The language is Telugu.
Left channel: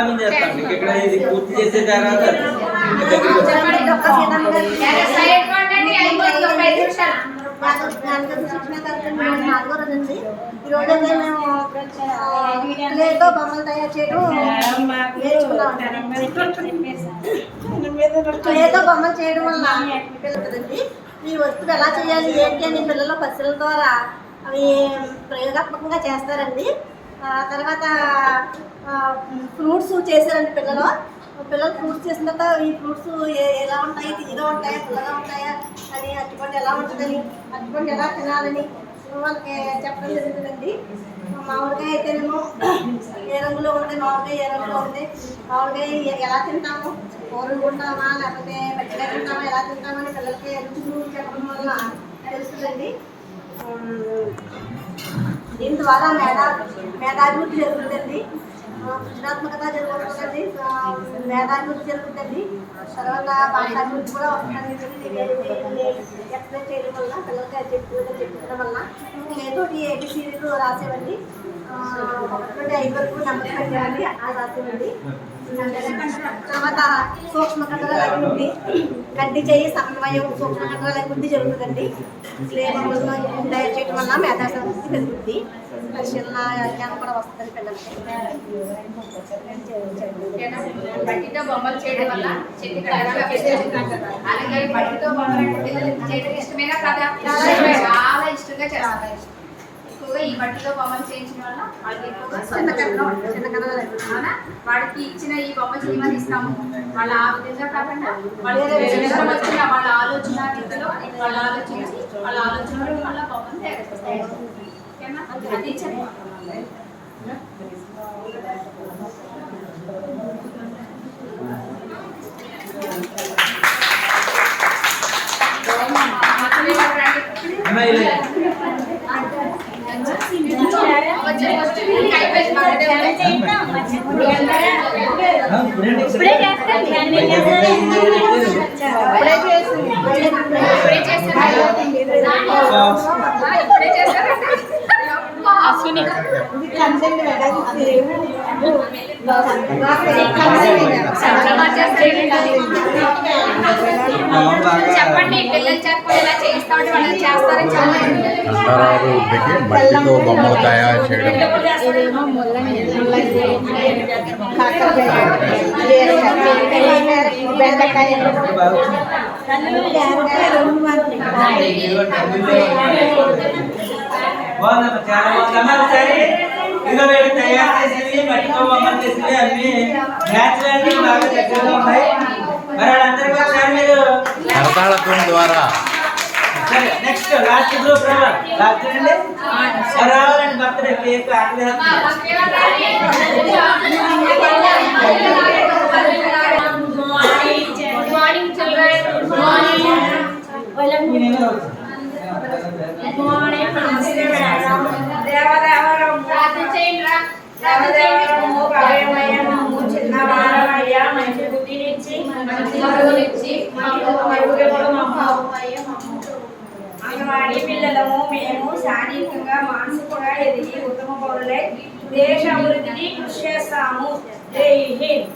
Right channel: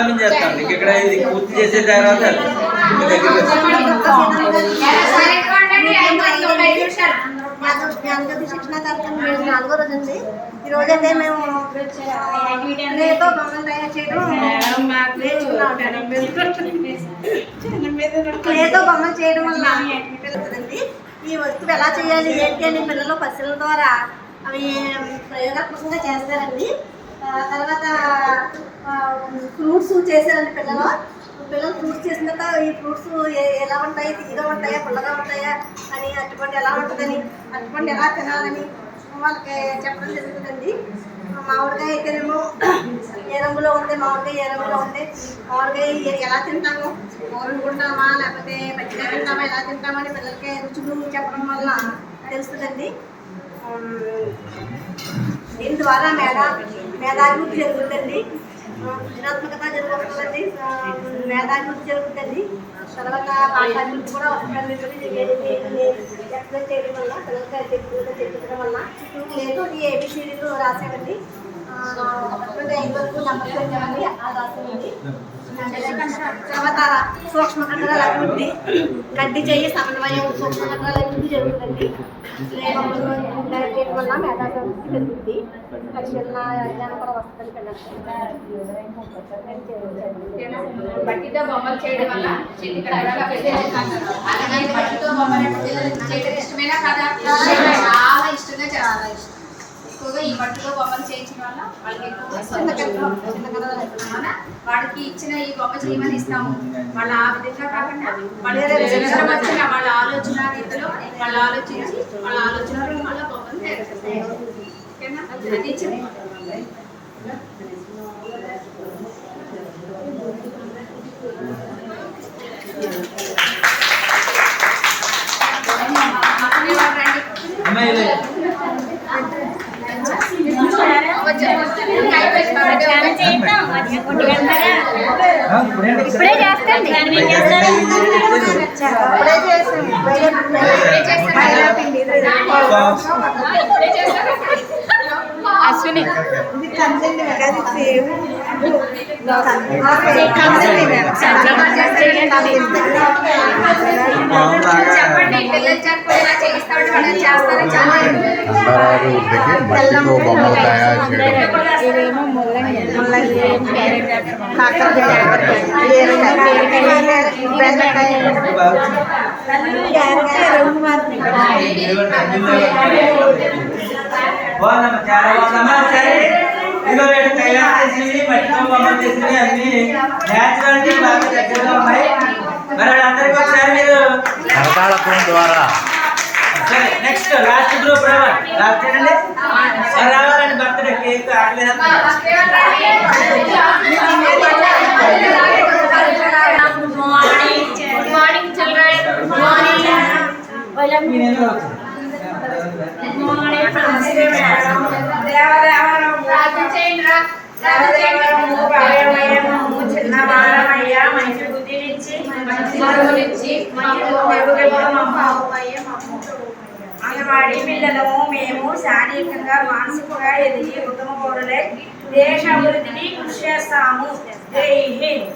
ప్రారంభం చేస్తాం. మీకు ఇక్కడ ఇది పూర్తి చేసిన తర్వాత శిక్షణ కార్యక్రమం నాలుగో రోజు అండి ఈ రోజు అయితే మేము లేకో బొమ్మలు తయారు చేయడం లేతో బొమ్మలు చేయడం వల్ల ఈ వస్తువు ఎలా చేయాలి ఏంటి అని పిల్లలు పసిల ద్వారా అవి ప్రయోగాత్మకంగా చేస్తారండి. తర్వాత ఫ్రూట్స్ చేశారండి పిల్లలు. పిల్లలు ఫ్రూట్స్ చేసిన తర్వాత ఈ ఫ్రూట్స్ ఎలా ఉంటాయి తీగా ఉంటాయా పుల్లగా ఉంటాయా అని అరటిపండు ఎలా ఉంటుందని అరటిపండు ఎలా తినాలని వాళ్ళకి చెప్పడం జరుగుతుందండి మామిడికాయ అయితేనేమో ఏ రంగులో ఉంది మామిడికాయ ఏ రంగులో ఉంది మామిడికాయ ఎలా తింటాము ఊరుకుంటామా లేకపోతే పచ్చిగా తింటామా ఎలా తింటామని పిల్లలకి రుచులు చెప్పడం వల్ల తెలుస్తుందండి దీని ద్వారా మేధా మేధాభివృద్ధి జరుగుతుందండి. సృజనాత్మకత జరుగుతుందండి. మేధాభివృద్ధి జరుగుతుంది తర్వాత భాషాభివృద్ధి కూడా వస్తుందండి. ఎక్స్ప్లెయిన్ చేయడం వల్ల పిల్లలకి అది ఎక్కువగా వల్ల. లేదు ఈ ఏబిసిడీలు రాసేవండి. సూక్ష్మ కథల అభివృద్ధి గడ్డి చేయి సమన్వయం సూక్ష్మ కథల అభివృద్ధి జరుగుతుందండి. చేయడం వల్ల మేధాశక్తి పెరుగుతుంది పరిశీలన జ్ఞానం కూడా వస్తుంది పిల్లలకి చాలా ఎక్కువగా ఈ బొమ్మలు చేయించడం వల్ల వాళ్ళకి ఇచ్చిన ఈ బొమ్మ చేయమని ఇస్తాము. వాళ్ళ ఆ విధంగా కాకుండా వచ్చిన వాళ్ళ ఆలోచన రీతిలో వాళ్ళు ఆలోచించి వాళ్ళ ఆలోచనలో వాళ్ళ బొమ్మను తయారు చేస్తారు. ఓకేనా? అది అశ్విని ఇది మేడం సేవ్ చెప్పండి పిల్లలు చెప్పండి. చేస్తాడు వాళ్ళు చేస్తారని చెప్పండి అంతరాభివృద్ధికి మట్టితో బొమ్మలు తయారు చేయడం ఇదేమో ముల్లంగి ముల్లంగి కాకరకాయ బీరకాయ బెండకాయ బాగా క్యారెట్ రెండు మాత్రమే బాగుందమ్మా చాలా బాగుందమ్మా సరే ఇదిగో వీళ్ళు తయారు చేసినవి మట్టితో బొమ్మలు చేసినవి అన్ని న్యాచురల్ కి బాగా దగ్గరగా ఉన్నాయి మరి వాళ్ళందరికీ ఒకసారి మీరు కరతాళత్వం ద్వారా సరే నెక్స్ట్ లాస్ట్ గ్రూప్ రావాలి. లాస్ట్ ఏంటండి? రావాలండి బర్త్డే కేక్ ఆకలి మార్నింగ్ చిల్డ్రన్ మార్నింగ్ మార్నింగ్ నమస్తే మేడం మంచి బుద్ధినిచ్చి మంచి చదువునిచ్చి మాకు మెరుగుదల మా అంగన్వాడీ పిల్లలము మేము శారీరకంగా మానసికంగా ఎదిగి ఉత్తమ పౌరులే దేశ అభివృద్ధికి కృషి చేస్తాము. జై హింద్.